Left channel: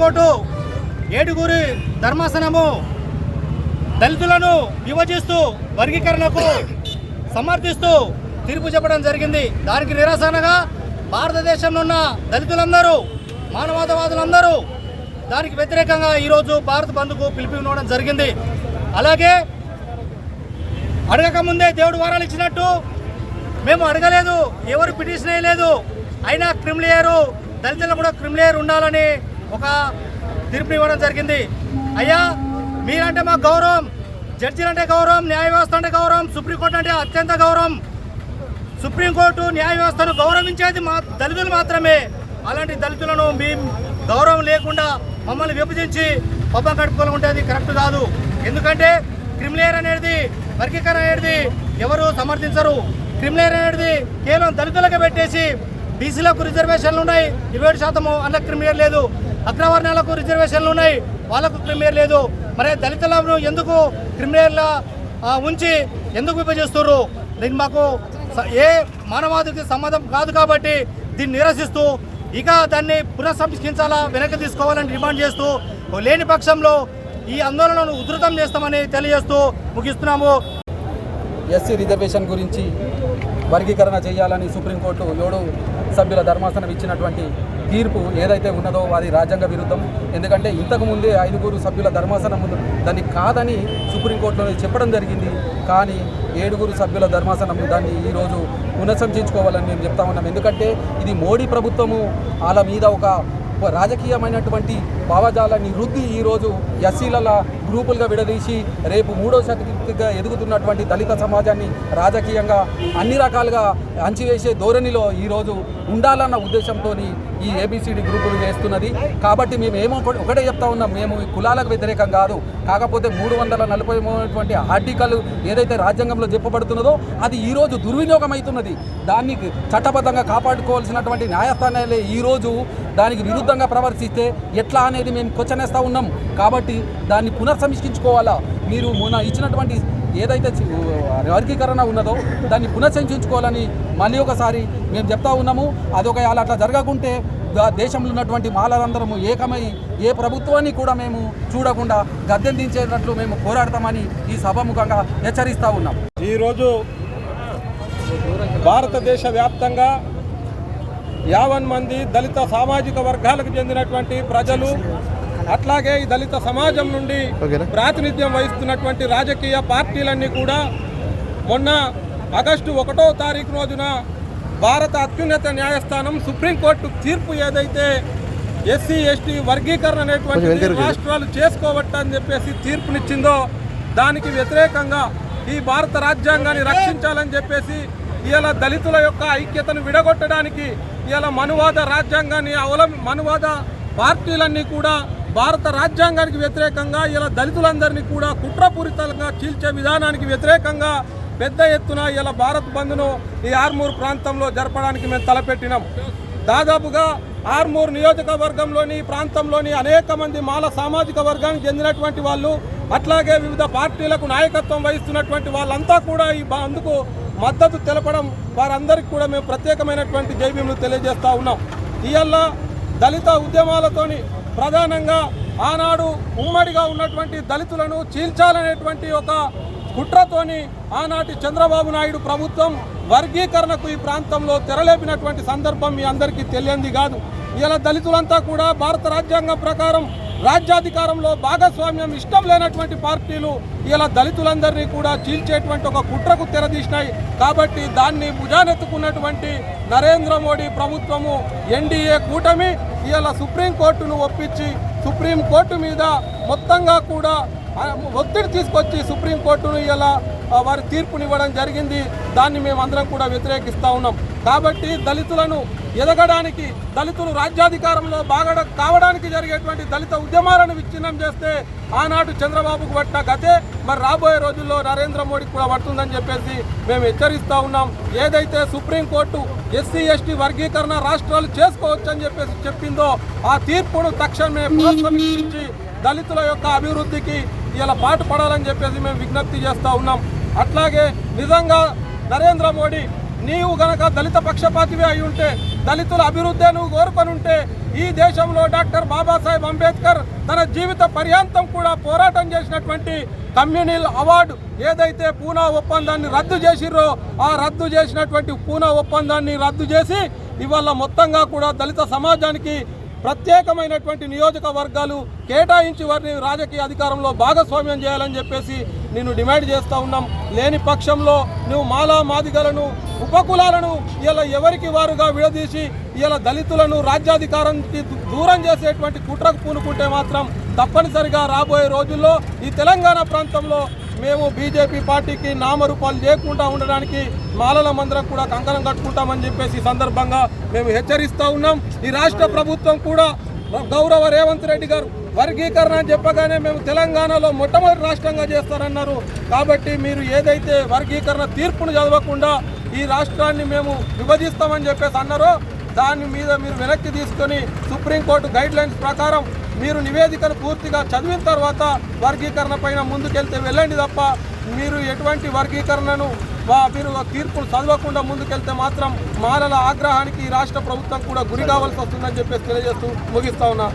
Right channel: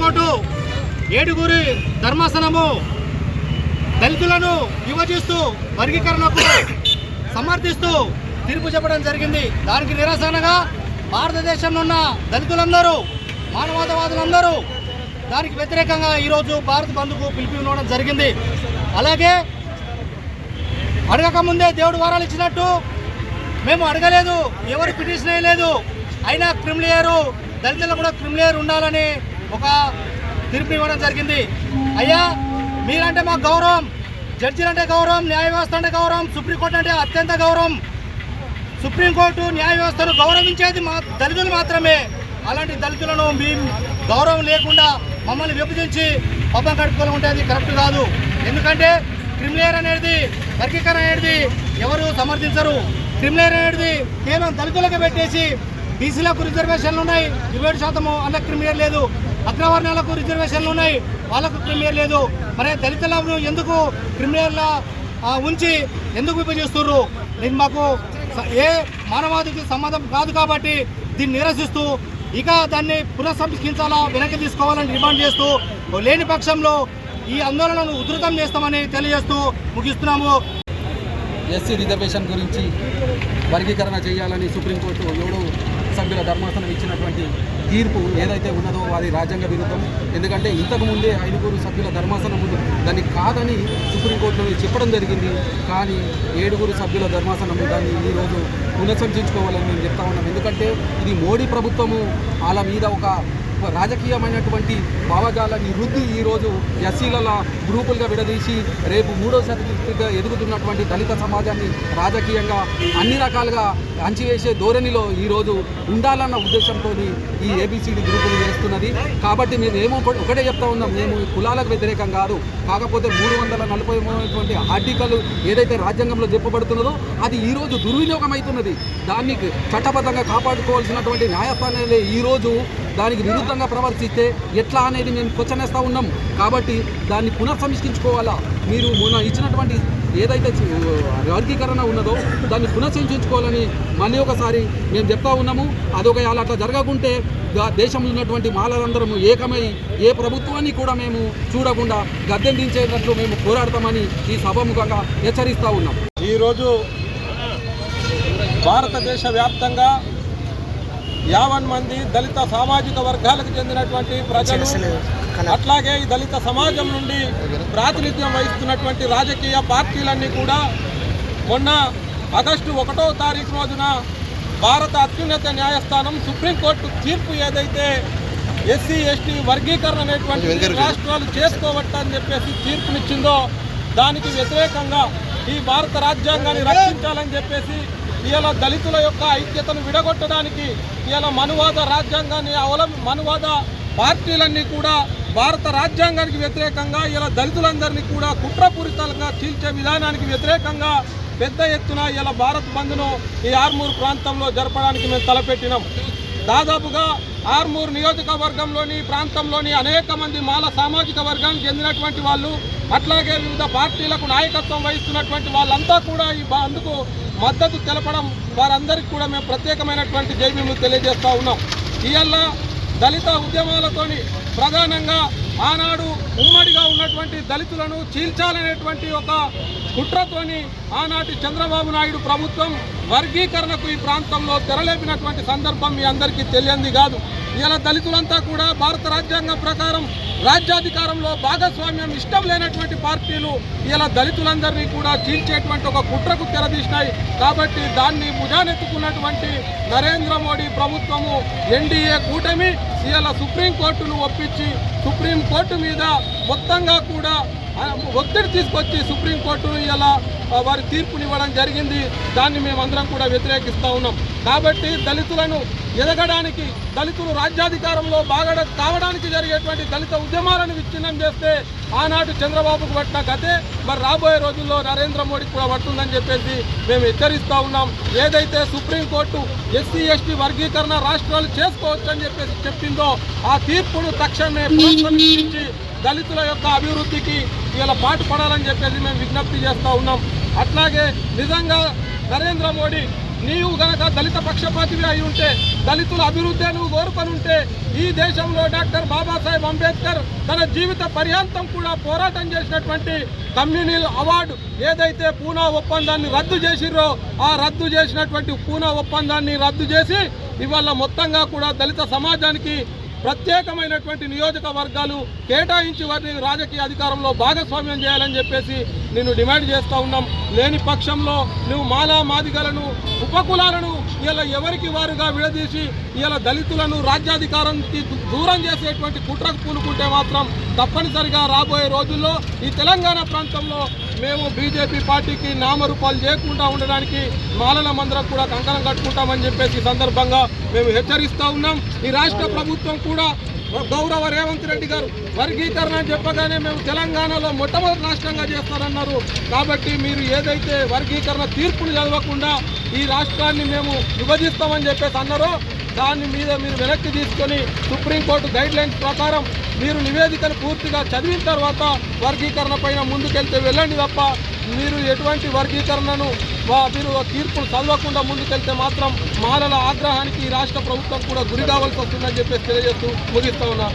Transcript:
high court ఏడుగురి ధర్మాసనము దళితులను విభజిస్తూ వర్గీకరణకు సమర్థిస్తూ తీర్పు చెప్పడం జరిగింది దానికి నిరసనగా భారతదేశంలో ఉన్న దళితులందరూ మానవతావాదులందరూ దానికి వ్యతిరేకంగా ఈరోజు భారత్ బంద్కు ఉండడం జరిగింది అలాగే అడగకముందే దేవుడు వారాలు ఇచ్చినట్టు మేము అడగలేదు ఎవరు పిటిషన్ వేయలేదు అయినా క్రిమిలేయరు దళితులు కూడా క్రిమిలేయర్ ఉండాలని ఒక తీర్పు ఇవ్వడం జరిగింది అయ్యా మీరంటే మాకు గౌరవం జడ్జీలంటే గౌరవం న్యాయ వ్యవస్థ అంటే గౌరవం సుప్రీంకోర్టు అంటే అత్యంత గౌరవం సుప్రీంకోర్టు న్యాయ వ్యవస్థను గౌరవించేది మా దళితులు మాత్రమే అలాంటి దళితులను మీ గౌరవం లేకుండా మమ్మల్ని విభజించి పబ్బం కడుపుకొని ఉంటుంది కరెక్ట్ కాదు ఎందుకంటే క్రిమిలేర్ అనేది వర్గీకరణ అనేది ఎవరు సమర్థించరు క్రిమిలేర్ అనేది కేవలం దళితులకు పెట్టేసి బీసీలకు రిజర్వేషన్లు ఉన్నాయి ఇరవై శాతము అన్న క్రిమిలేర్ లేదు అగ్రవర్ణాలకు రిజర్వేషన్లు ఉన్నాయి వాళ్ళకు క్రిమినల్ లేదు మరి దళితులను ఎందుకు క్రిమినల్ ఉంచి ఎందుకు విభజిస్తున్నారు దీన్ని మాకు ఏ మానవాదికి సంబంధం కాదు కాబట్టి దీన్ని నిరసిస్తూ ఇక దాన్ని పునఃసంస్కరించాలా వెనక్కి తీసుకోవాలని డిమాండ్ చేస్తూ లేని పక్షంలో ఈ ఆందోళనను ఉధృతం చేస్తామని తెలియజేస్తూ ముగిస్తున్నాము ఎస్సీ రిజర్వేషన్ గురించి వర్గీకరణ చేయాలని సుప్రీంకోర్టు ఏడు సభ్యుల ధర్మాసనం ఇచ్చినటువంటి తీర్పు ఏదైతే ఉన్నదో అది రాజ్యాంగ విరుద్ధం ఎందుకంటే ఇంతకుముందే ఐదుగురు సభ్యుల ధర్మాసనం ముందు దాన్ని కాదని సుప్రీంకోర్టులో చెప్పడం జరిగింది కానీ ఏడుగురు సభ్యుల ధర్మాసనం దాన్ని ఈరోజు పునఃసంచించుకోవాలని మేము చెప్తా ఉన్నాం ఎందుకంటే ఇది మోడీ ప్రభుత్వము వాళ్ళ మీద ఒక రాజకీయమైనటువంటి భావజాలాన్ని రుద్ది ఈరోజు ఎస్సీల గ్రూపులుగా విడదీసి రేపు మూడో శక్తిగా ఎదుగుతున్నటువంటి దళిత సమాజాన్ని రాజకీయంగా అన్ని రకాలుగా అంచివేసే ధోరణిలో ఈరోజు ఉండాలన్న ఉద్దేశంతో ఈ ఏబిసిడి గ్రూపులు వేస్తున్నది కాబట్టి మేము ఏమో ఒకటే చెప్తా ఉన్నాం మేము కులాలకు వ్యతిరేకం కాదు కాకపోతే మూడు వందల నలభై మూడు ఆర్టికల్ ఏదైతే రాజ్యాంగంలో చెప్పబడుతున్నదో అది ఈరోజు దుర్వినియోగం అవుతున్నది దాన్ని చట్టబద్ధంగా కాపాడుకోవాల్సినటువంటి న్యాయస్థానాలే ఈరోజు దానికి విరుద్ధంగా ప్రవర్తిస్తే ఎట్లా అనేది మేము క్వశ్చనేస్తూ ఉన్నాం కాబట్టి దాన్ని పునఃసమీక్షించుకోవాలా మీరు మొన్న ఇచ్చినటువంటి ఏదైతే వర్గీకరణ ఉన్నదో దాన్ని పునఃసమీక్షించుకోవాలని మళ్ళీ ఒకసారి మేము చెప్తా ఉన్నాము అదొక అలా అట్లా జరగకుంటే దేశంలో ఉన్నటువంటి మాలలందరము ఏకమై ఏ ప్రభుత్వాన్ని కూడా మేము చూడకుండా దించేటట్లు మేము పోరాడతామని ఈ సభముఖంగా హెచ్చరిస్తూ ఉన్నాం ఈరోజు భారతదేశ వ్యాప్తంగా యావన్ మంది దళిత సామాజిక వర్గాలకు చెందినటువంటి ప్రజలు అట్లాగే ఈ దళిత సమాజం నుండి ప్రాతినిధ్యం వహిస్తున్నటువంటి రాజకీయ పార్టీలన్నీ కూడా మొన్న ఆగస్టు ఒకటో తారీఖు రోజున భారత అత్యున్నత న్యాయస్థానం సుప్రీంకోర్టు తీర్పు ఏదైతే ఎస్సీ ఎస్టీ వర్గీకరణ అనేటువంటి రాష్ట్రాలు చేసుకోవట్టని చెప్పేసి తీర్పునిచ్చిందో దానికి వ్యతిరేకంగా ఈ భారత రాజ్యాంగాన్ని రక్షించాలని చెప్పేసి ఇలా దళితుల యొక్క ఐక్యతను విడగొట్టడానికి ఇలా మనువాద రాజ్యాంగాన్ని అవల మనువాద పార్టీలన్నీ కూడా భారత రాజ్యాంగానికి వ్యతిరేకంగా ఇలా దళితులందరినీ కూడా కుట్రపూరితంగా చీల్చే విధానానికి వ్యతిరేకంగా పెద్ద ఎత్తున ఇలా భారత్ బంద్ను ఈ ఆర్మూర్ ప్రాంతంలో జరపడానికి మేము తలపెట్టినాం దాదాపుగా ఆర్మూర్ నియోజకవర్గంలోని ప్రాంతంలోని అనేక మంది మాల సామాజిక వర్గానికి చెందినటువంటి వాళ్ళు అట్లాగే వివిధ పార్టీలకు నాయకత్వం వహిస్తున్నటువంటి వాళ్ళంతా కూడా ఈ అందుకు మద్దతు తెలపడం వారందరికీ కూడా మేము ప్రత్యేకమైనటువంటి జైబీలు తెలియజేస్తూ ఉన్నాం ఇవల్ల దళిత ఉద్యమాలతోని ప్రధానంగా ఆనాడు ఉమ్మడిగా ఉన్నటువంటి దళితులను చీల్చాలనేటువంటి ఒక కుట్రతోని ఆనాటి చంద్రబాబు నాయుడు ప్రభుత్వం వర్గీకరణకు ఈ ప్రాంతంలో తెరలేపినటువంటి సందర్భం మీ అందరికీ తెలియంది కాదు ఇలా దళితులంతా కూడా భారత రాజ్యాంగం ప్రకారం రాజ్యాధికారంలో భాగస్వామ్యం ఇష్టం లేనటువంటి పార్టీలు ఇలా దళితులందరినీ కూడా చీల్చేటువంటి ఒక కుట్రకు తెరదీసినాయి కాబట్టి దాన్ని భుజానెత్తుకున్నటువంటి నరేంద్ర మోడీ ప్రభుత్వము ఎన్డీఏ కూటమి ఇలా సుప్రీంకోర్టును ఒప్పించి సుప్రీంకోర్టు మీద మొత్తంగా కూడా ఒత్తిడి తీసుకొచ్చి సుప్రీంకోర్టును ఇలా వారి తీర్పునివ్వడం జరిగింది దాన్ని మేమందరం కూడా వ్యతిరేకిస్తూ ఉన్నాం కాబట్టి దళితులను ఎదగడానికి దళితులు రాజ్యాధికారంలో బాగా కావడానికి జరిగేటువంటి దళిత ఉద్యమాలను విచ్ఛిన్నం చేస్తే ఆనాడు చంద్రబాబుకు పట్టిన గతే మరి రాబోయే రోజుల్లో నరేంద్ర మోడీకి కూడా పడుతుందని చెప్పేసి మేము హెచ్చరిస్తూ ఉన్నాం ఏదైతే సుప్రీంకోర్టు ఎస్సీ ఎస్టీ వర్గీకరణ రాష్ట్రాలు చేసుకోవచ్చని చెప్పేసి చెప్పిందో ఆ తీర్పును తక్షణమే పునఃసమీక్షించి దళితుల యొక్క అభివృద్ధికి ఇలా పాటు పడాలని చెప్పేసి మేము విజ్ఞప్తి చేస్తూ ఉన్నాం అట్లాగే నిజంగా నరేంద్ర మోడీ నీవు గనక దళిత పక్షపాతివే అయి ఉంటే దళితుల అభివృద్ధే నువ్వు కోరుకనుంటే ఈ దేశంలో డాక్టర్ బాబాసాహెబ్ అంబేద్కర్ తన జీవిత పర్యాంతం కూడా పోరాటం చేసినటువంటి కమ్యూనిల్ అవార్డు ఏదైతే పూనా ఒప్పందాన్ని రద్దు చేసిర్రో ఆ రద్దు చేసినటువంటి పూనా ఒప్పందాన్ని రద్దు చేసి ఇవాళ మొత్తంగా కూడా దళిత సమాజానికి ప్రత్యేకమైనటువంటి నియోజకవర్గాలు కేటాయించి వారిని రాజకీయ అధికారంలో భాగస్వామ్యం చేయాలని చెప్పేసి నేను డిమాండ్ చేస్తూ ఉన్నాం లేని పక్షంలో నువ్వు మాలా మాదిగలను ఉపకులాలను ఇలా ఎవరికి వారుగా విడదీసి ఇలా దళితులను రాజ్యాధికారానికి దూరం చేసేటువంటి కుట్రకు పూనుకుంటే మాత్రం తప్పనిసరిగా రాబోయే రోజుల్లో ఈ తెలంగాణ ప్రాంతంలో మేము బీజేపీ పార్టీకి నామరూపాలు చేయకుండా ఉండడానికి మాలల మందరం కూడా కంకణం కట్టుకుంటామని చెప్పేసి ఈ సందర్భంగా మేము హెచ్చరిస్తూ ఉన్నాం ఈ రాష్ట్ర ప్రభుత్వం కూడా గౌరవ రేవంత్ రెడ్డి గారు వర్గీకరణ అని చెప్పగానే మేము తెలంగాణలో మొట్టమొదటి రాష్ట్రంగా చేస్తానన్నారు కాబట్టి మీరు ఏదైతే వర్గీకరణ తీర్పును చదవకుండా ఈ రాష్ట్రాన్ని మేము విభజిస్తామని చెప్పేసి అన్నారో దాని మీద మీరు వెనక్కి తీసుకొని సుప్రీంకోర్టు గైడ్ లైన్స్ ప్రకారం మీరు నివేదికను పూర్తిగా చదివిన తర్వాత వర్గీకరణ పైన ముందుకెళ్తే వెళ్ళండి తప్ప మీరు ఎటువంటి వర్గీకరణను మీరు తీర్పును చదవకుండా ముందుకెళ్తే మాత్రం మానల ఆగ్రహానికి రాష్ట్ర ప్రభుత్వం కూడా గురి కావాల్సి వస్తుందని చెప్పేసి తెలియజేస్తూ ముగిస్తా ఉన్నా